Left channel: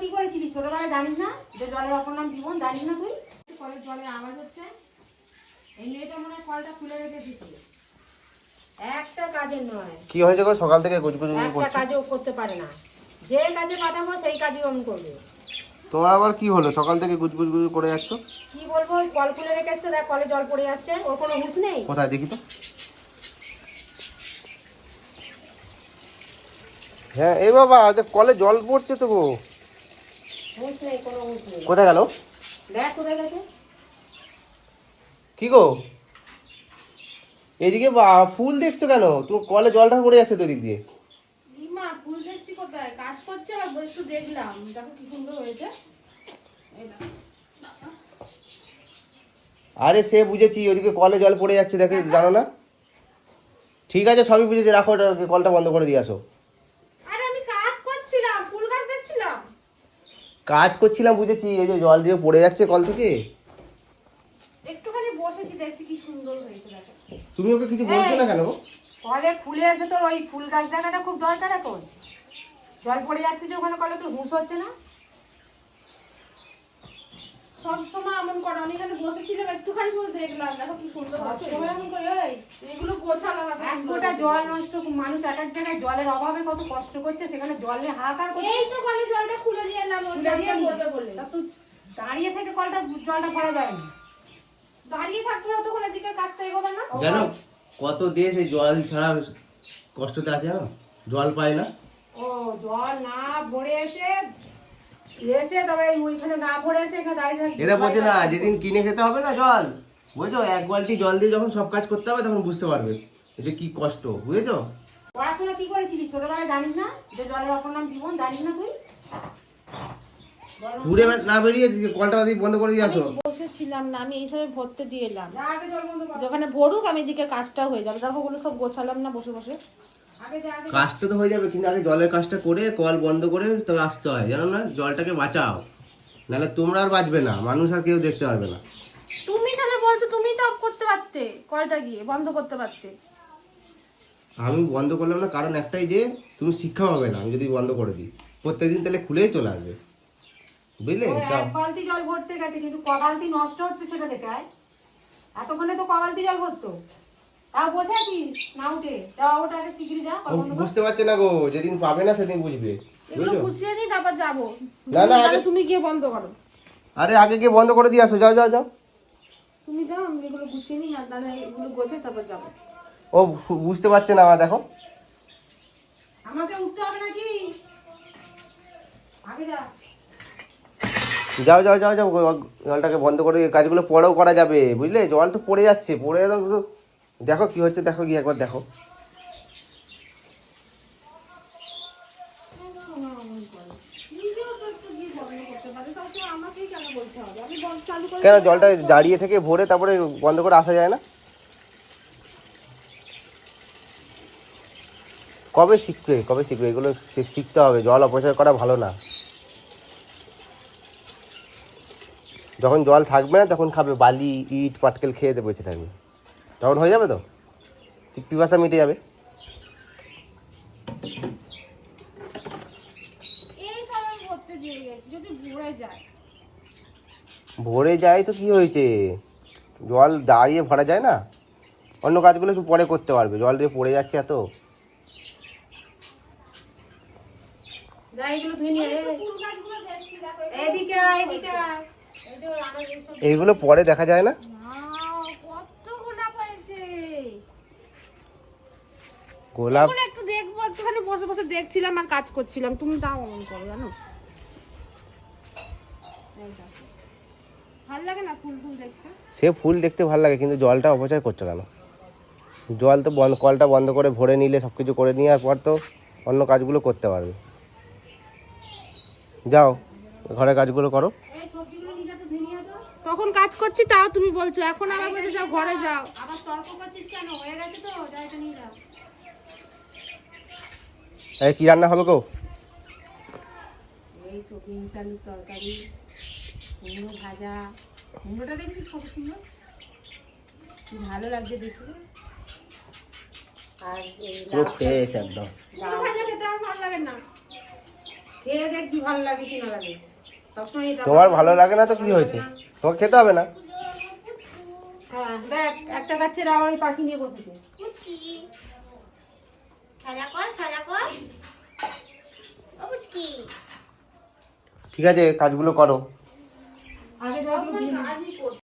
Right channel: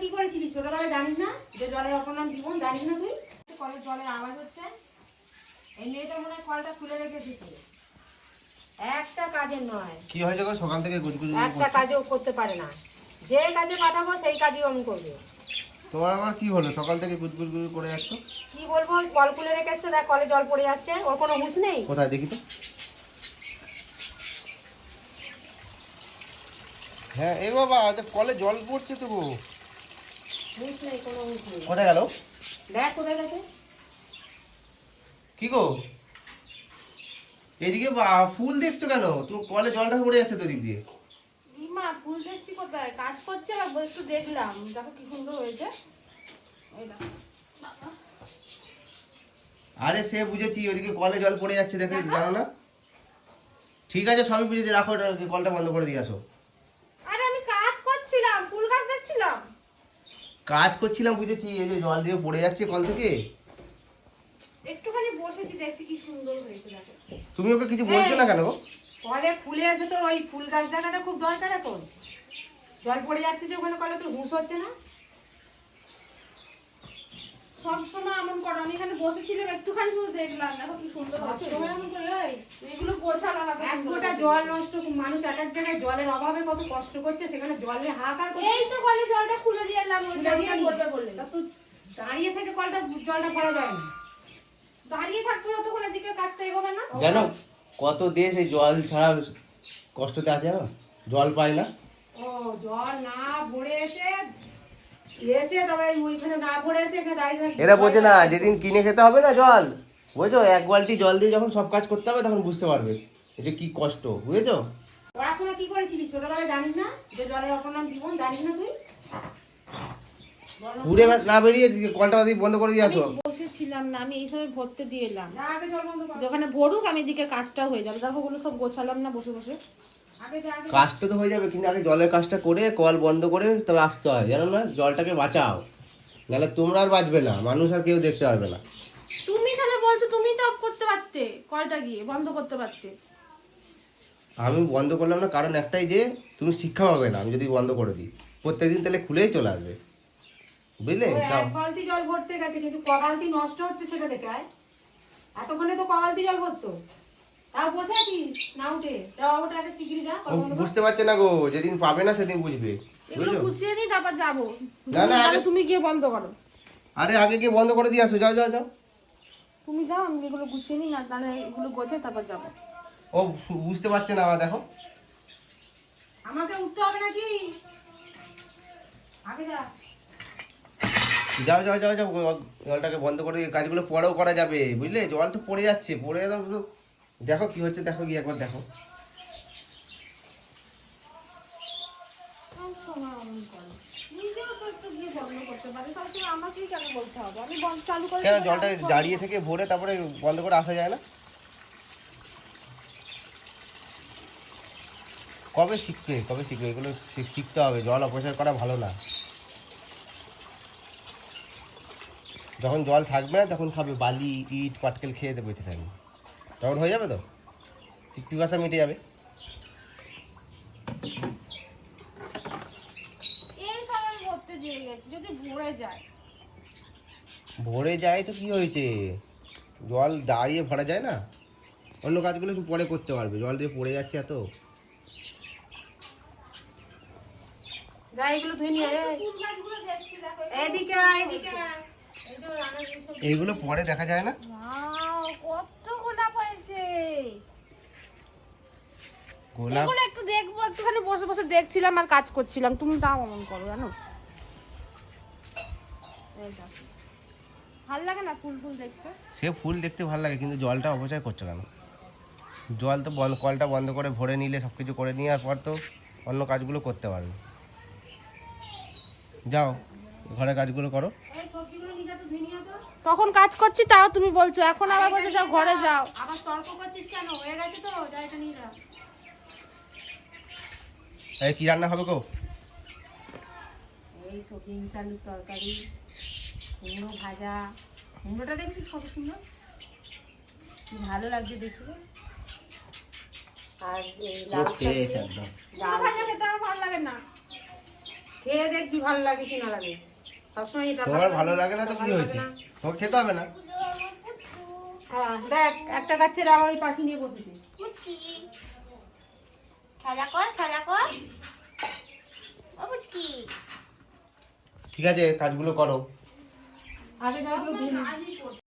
কি করেছিলি? ছোটবেলায় জানিস না? যে জলের অপর নাম জীবন জানিস না তুই? কলের জলের আওয়াজ হচ্ছে। এই মেয়েটা মনে হয় কলটা খুলে তুই। একটা কাজের নয়। কি হয়েছে গো? সকাল থেকে গুজগুজ একটা কাজও করতে পারে না। যে কাজে পাঠাবো সেই কাজই আমি করবে। তোমার আবার কি হলো? সকাল থেকে গুজগুজ গুজ করে যাচ্ছ? কি বলব? কল খুলে রেখেছে দেখ কলে জল পড়ে যাচ্ছে। ওর কোনো হুঁশ নেই? কোথায়? দেখি তো। হ্যাঁ এই বাবা আজ কলে জল পড়ছে তো গো হুঁশ নেই কোনো হুঁশ নেই কোথায় গেল? কি গো? এদিকে ফুল দেখছ কেন? তুমি কলে জলটা পড়ে যাচ্ছে তো দিক দিয়ে। ফুল দেখছি কোথায়? কাজ করছে একটু দেখলাম। দেখো কি সুন্দর হয়েছে। আরে সে বুঝেছি ওদিকে কলে জল পড়ে যাচ্ছে দেখে জানো না? ঠিক আছে সবই বুঝেছি রাখো কলটা বন্ধ করে দিয়ে আসো আরে আমি কাজ করছিলাম ফুল গাছ দেখছিলাম কাজ করছিলাম বুঝেছি এই যে জল দিয়ে পড়ে যাচ্ছে কল থেকে। একটুখানি বসেছি দেখছি কি সুন্দর হয়েছে দেখো। তুমি ওকে কিছু বলছো না কেন কলে খুলে এসে তো ওই ফুল গাছ দেখাটা খুব দরকার এখন। জল পড়ে যাচ্ছে যে ওখানে কলে তো হুঁশ হচ্ছে না। সব সময় এমন করো আমি এখানে বসেছিলাম একটুখানি শুধু দেখলাম দেখো কি সুন্দর হচ্ছে। এমন করে, এগুলো গোছালাম এত এক গোটা জল নষ্ট মানুষ এক এক জায়গায় জলের অভাবে কত কষ্ট করছে সেখানে জল নিয়ে হাহাকার করছে। এই তো কলে জলটা খুলে দিয়ে এলাম ওটা খুলে দিয়ে নি। করবে বলে তা তুই দাঁড়িয়ে থেকে কলটা জলটা যায় না দাঁড়িয়ে থাকব যতক্ষণ এদিকে কাজটা এগোবে না। জানো কত দেশ এই জল ছাড়া কষ্টতে আছে জল পায় না। ও জল না ভরে এসে এসে তবে ওইখানে না ভরে এসে এখানে দাঁড়িয়ে থাকছে। এরা বোঝে না যেদিন কিনে খেতে হবে না জল। বুঝছ? এক বালতি জল দিয়ে যখন সব কাজ করতে হবে তখন বুঝতে পারবে এটা কি কষ্ট বুঝেছ? পড়াশোনা কি করেছিলি? ছোটবেলায় জানিস না যে জলের অপর নাম জীবন জানিস না তুই? ঘুরে না বেরিয়ে কলটা দিয়ে বন্ধ করে দিয়ে আসো। বসেছিলাম না আমি এইভাবে ভরতে দিয়ে এলাম। যা আগে জল বন্ধ কর। যেখানে ভরুক আমি এদিকে কাজটা হয়ে যাবে। দেখো ওগুলো সব গোছালাম না বসে বসে। কাজটা তো হয়ে যাবে কিন্তু আগে জলের কাজটা করে কল বন্ধ করে তবে আসতে হয়। জানো না জলটাকে বাঁচাও। নাহলে তোমরা আর বাঁচবে না মানুষ আর কেউ দেখতে পারবে না। তুমি তাহলে বলছো তুমি তো অফ করতে পারতে কলটা গিয়ে বন্ধ করতে পারতে। আমি বন্ধ করলাম না কারণ একটাই যে তুমি শিক্ষা হবে না আমি যদি বন্ধ করে দিই। প্রত্যেকদিন তাহলে খুলেই চলে আসবে। বুঝলে? এক বালতি জল ভরতে গেছে কিন্তু ক বালতি নষ্ট হচ্ছে সেটা দেখে আয়। এতক্ষণে তো ক বালতি জল ভরতো। তাও বসে আছিস? না উঠে। ওটা আগে শিগগিরি যা বুঝতে পারছে না গো যেদিন পাবে না সেদিন বুঝবে। এগুলো গুছিয়ে তারপর যাব। না, না, আগে- তুমি গিয়ে বন্ধ করো। আরে আগে গিয়ে বন্ধ করে দিয়ে আসো। যাও যাও যাও। তুমি যাও আমি এগুলো গুছিয়ে নিই আর তাহলে এগুলো গোছাই তারপর যাব। ও বুঝতে পারছে না আমার দেখো। আমাকে উঠতে হবে নাকি? আগে যা। যাও যাও যাও যাও জলটাকে বন্ধ করে দিয়ে কাজগুলো পরেও করা যাবে, বুঝলে? জল তো পড়ে যাচ্ছে, পড়ে দেখো কি হচ্ছে, দেখো গিয়ে একবার দেখো। কেন, জলটা দাঁড়িয়ে থেকে ভরে তারপরে বন্ধ করে আসা যায় না? কবে শিখবে কবে শিখবে? এগুলো শিখ- শিখতে হবে, জল অপচয় করা ভালো না। যখন জল থাকবে না তখন খাবে। বালি ইট পাটকেল খেয়ে দেবে বেঁচে থাকবে তখন হয়ে যাবে তো? পিপাসা মিটে যাবে। এই সব আমি করতে দিয়ে গেছি যদি ভরে যায়। তো কি হয়েছে? জল দাঁড়িয়ে ভরা যায় না? অন্য কাজগুলো একটু পরে করতে পারবে। জল দিয়ে পড়ে যাচ্ছে এত। এদিকে এদিকে এইগুলো পরে দেখা যায় না? কত গোলাপ হয়েছে। গোলাপ? একটু দেখব একটুখানি বসে বসে দেখছিলাম আর কাজ করছিলাম। তুমি তাও অমন করো জানো? ভালো লাগে না ফুল ফুল দেখতে? সে ফুল দেখতে ভালো লাগে কিন্তু জলটা অপচয় করছ কেন? জল তো বন্ধ কলটা বন্ধ করে ভরে নিলে সব কিছু করে নেওয়ার পর তো অন্য কাজগুলো করতে পারবে। যাও ঘরের কাজগুলো করো এই সবজিগুলো নিয়ে যা তো ধুয়ে নিয়ে আসো। তখন কাজ করছি তাও তুমি বলছো। এখন আবার বলছো যাও ঘরে যাও। আবার তর্ক করছিস কেন? হয়ে গেছে তো যা এটা নিয়ে যা এই কি রান্না হবে গো? এই তো বিনস আলুর তরকারি কুমড়ো ভাজা। কুমড়োটা দেখছিস কত সুন্দর? কি ভালো লাগছে দেখতে। আর এই লাউ ফ্রেশ একদম। কুমড়ো ভাজা খেতে আমার ভালো লাগে না। খেয়ে দেখ ভালো লাগে কি না লাগে। সবসময় এটা তোমার ভালো লাগে না তো কি হয়েছে? তোমাকে খেতে হবে না? হ্যাঁ দেখ একটা গাছের আবার পাখি নিয়ে বসেছে। খেলা কর খেলা কর। ও পুচকি। ঠিক আছে কাজগুলো করো। আগে